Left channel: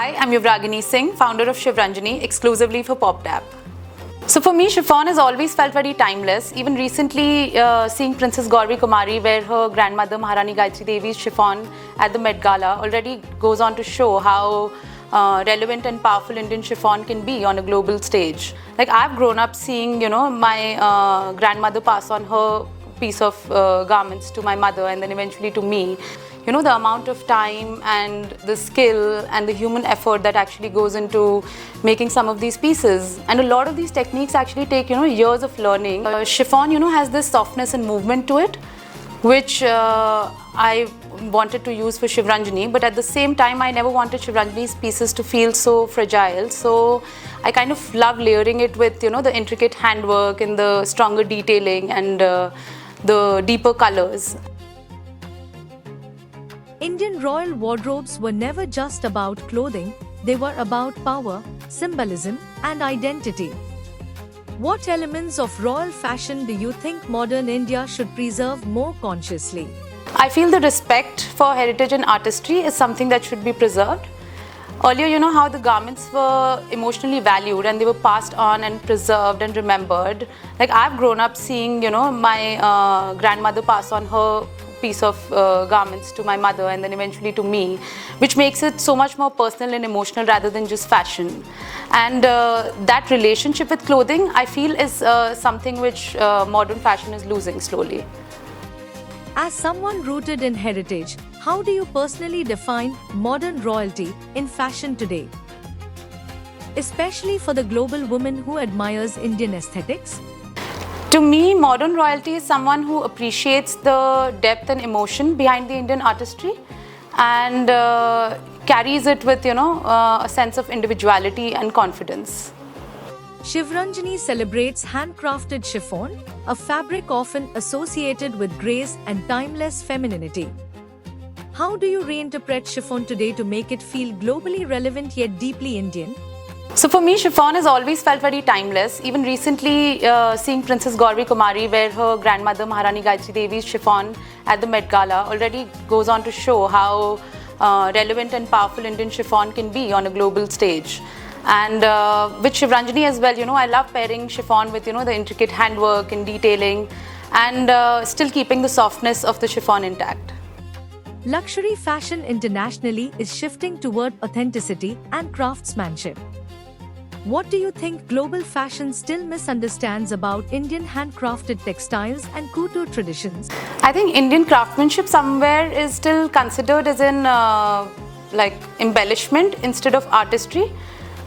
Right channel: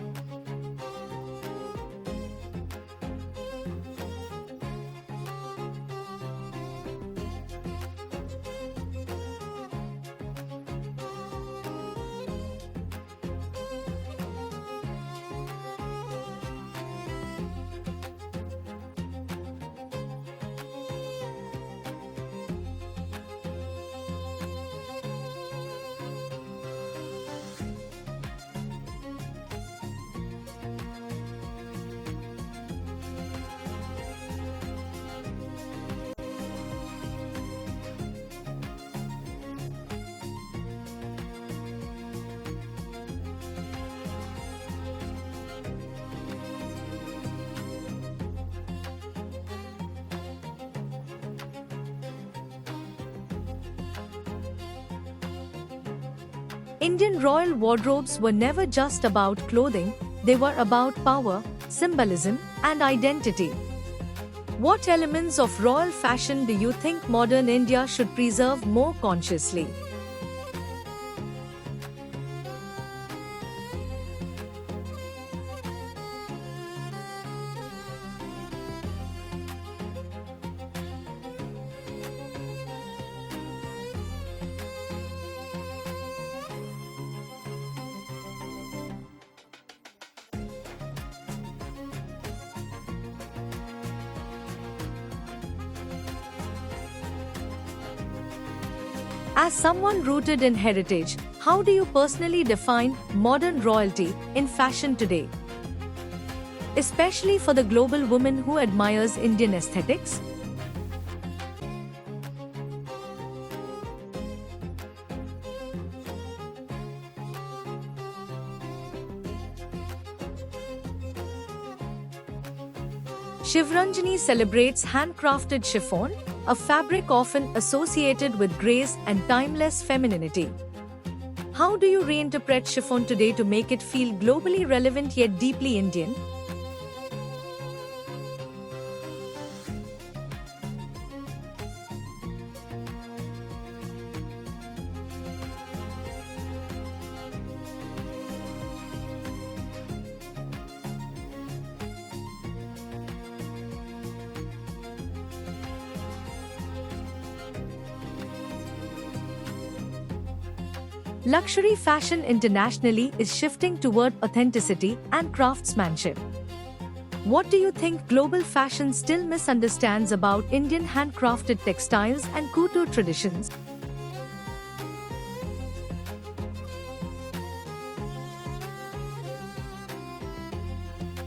Hi, I'm Yuvragini Singh, founder of Shivranjani, exclusively for Popp Dapp. So for me, chiffon has always felt very timeless. Even recently, seeing Princess Gauri Kumari wear her grandmother Maharani Gayatri Devi's chiffon at the Met Gala already goes on to show how relevant and powerful Indian chiffon can be on a global stage. Like I've grown up seeing, my grandmother pass on her piece of garments to my mother and then eventually to me. You know, the amount of time and the skill and the human effort that actually goes into making some of these pieces. And a lot of these techniques actually take, years of learning. Chiffon, has this softness and movement to it, which I wanted to use for Shivranjani, but at the same time, I never wanted Shivranjani's pieces to feel so fragile. So I kind of love layering it with, the intricate handwork and the stronger detailing and the deeper colors. Indian royal wardrobes were never just about clothing, they were about power, symbolism, and identity. What elements of royal fashion do you think modern India should preserve more consciously? I feel the respect for heritage and artistry is something that should be preserved. Earlier, how the garments were emotionally valued and they were passed on and preserved and remembered. Like I've grown up seeing, my grandmother pass on her piece of garments to my mother and then eventually to me, which makes it so much more personal and emotional rather than just fashion. And that relationship with clothing, I feel, is something which modern fashion is losing slowly. As someone rooted in heritage, how do you personally define modern royalty in fashion today? Especially for the global woman who admires Indian aesthetics? To me, modern royalty is someone who appreciates the depth and emotion behind the Indian artistry and carries it with, a sense of individuality and confidence. Shivranjani celebrates handcrafted chiffon, a fabric often associated with grace and timeless femininity. How do you reinterpret chiffon today to make it feel globally relevant yet deeply Indian? So for me, chiffon has always felt very timeless. Even recently, seeing Princess Gauri Kumari wear her grandmother Maharani Gayatri Devi's chiffon at the Met Gala already goes on to show how relevant and powerful Indian chiffon can be on a global stage. And with Shivranjani as well, I love pairing chiffon with, the intricate handwork and detailing and still keeping the softness of the chiffon intact. Luxury fashion internationally is shifting toward authenticity and craftsmanship. What do you think global fashion still misunderstands about Indian handcrafted textiles and couture traditions? I think Indian craftsmanship somewhere is still considered as in embellishment instead of artistry.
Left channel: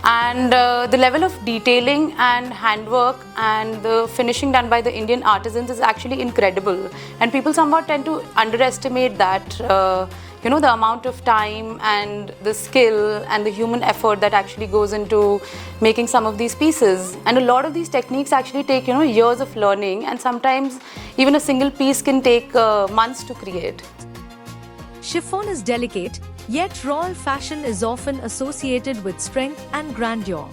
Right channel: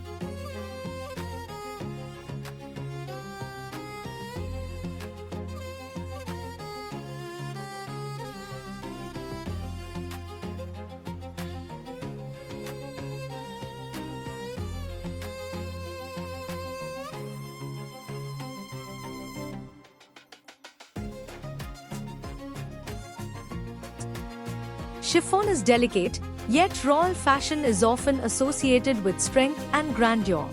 And the level of detailing and handwork and the finishing done by the Indian artisans is actually incredible. And people somewhat tend to underestimate that, the amount of time and the skill and the human effort that actually goes into making some of these pieces. And a lot of these techniques actually take, years of learning, and sometimes even a single piece can take months to create. Chiffon is delicate, yet royal fashion is often associated with strength and grandeur.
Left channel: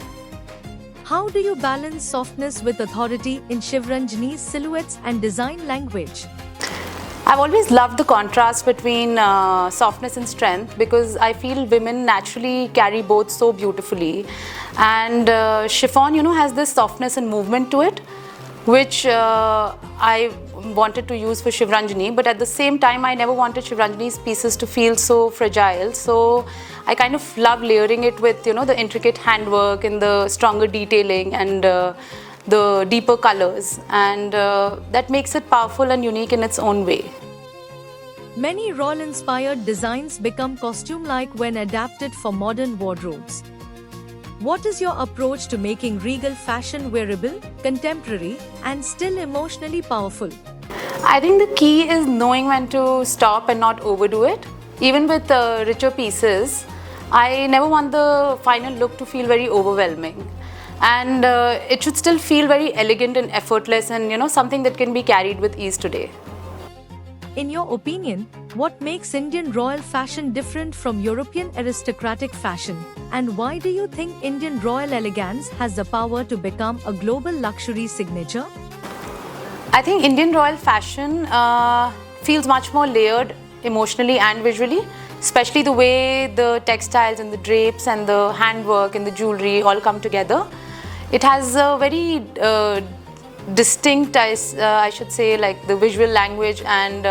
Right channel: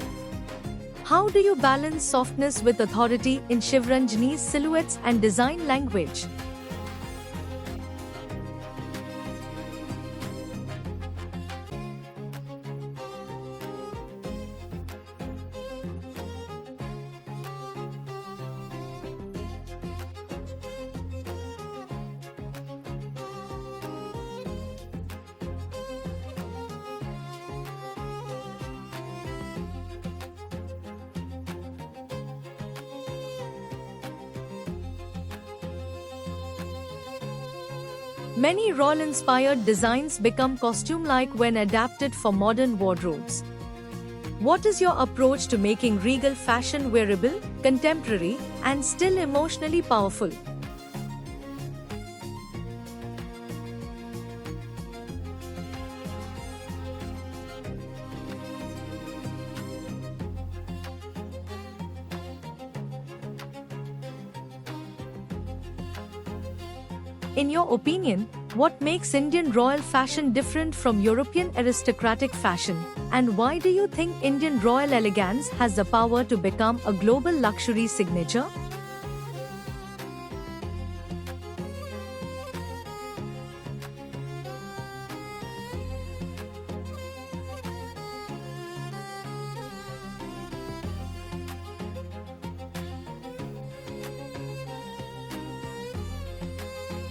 How do you balance softness with authority in Shivranjani's silhouettes and design language? I've always loved the contrast between softness and strength because I feel women naturally carry both so beautifully. And chiffon, has this softness and movement to it, which I wanted to use for Shivranjani, but at the same time, I never wanted Shivranjani's pieces to feel so fragile. So I kind of love layering it with, the intricate handwork and the stronger detailing and the deeper colors. And that makes it powerful and unique in its own way. Many royal-inspired designs become costume-like when adapted for modern wardrobes. What is your approach to making regal fashion wearable, contemporary, and still emotionally powerful? I think the key is knowing when to stop and not overdo it. Even with richer pieces, I never want the final look to feel very overwhelming. And it should still feel very elegant and effortless and, something that can be carried with ease today. In your opinion, what makes Indian royal fashion different from European aristocratic fashion? And why do you think Indian royal elegance has the power to become a global luxury signature? I think Indian royal fashion feels much more layered emotionally and visually. especially the way the textiles and the drapes and the handwork and the jewelry all come together. It has a very distinct, I should say, like the visual language and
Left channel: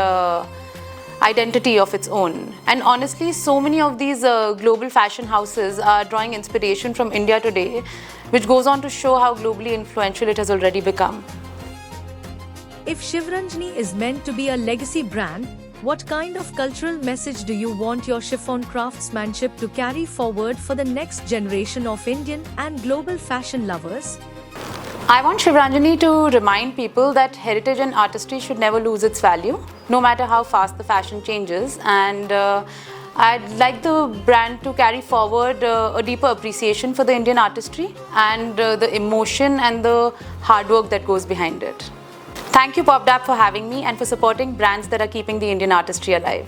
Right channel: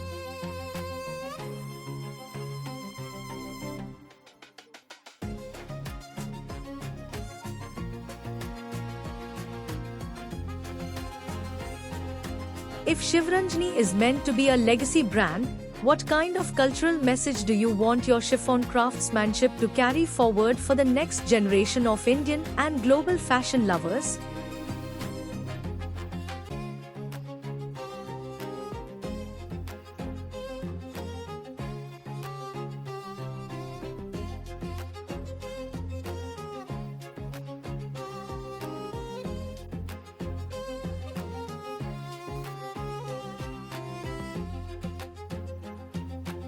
identity of its own. And honestly, so many of these global fashion houses are drawing inspiration from India today, which goes on to show how globally influential it has already become. If Shivranjani is meant to be a legacy brand, what kind of cultural message do you want your chiffon craftsmanship to carry forward for the next generation of Indian and global fashion lovers? I want Shivranjani to remind people that heritage and artistry should never lose its value, no matter how fast the fashion changes. And I'd like the brand to carry forward a deeper appreciation for the Indian artistry and the emotion and the hard work that goes behind it. Thank you, Popp Dapp, for having me and for supporting brands that are keeping the Indian artistry alive.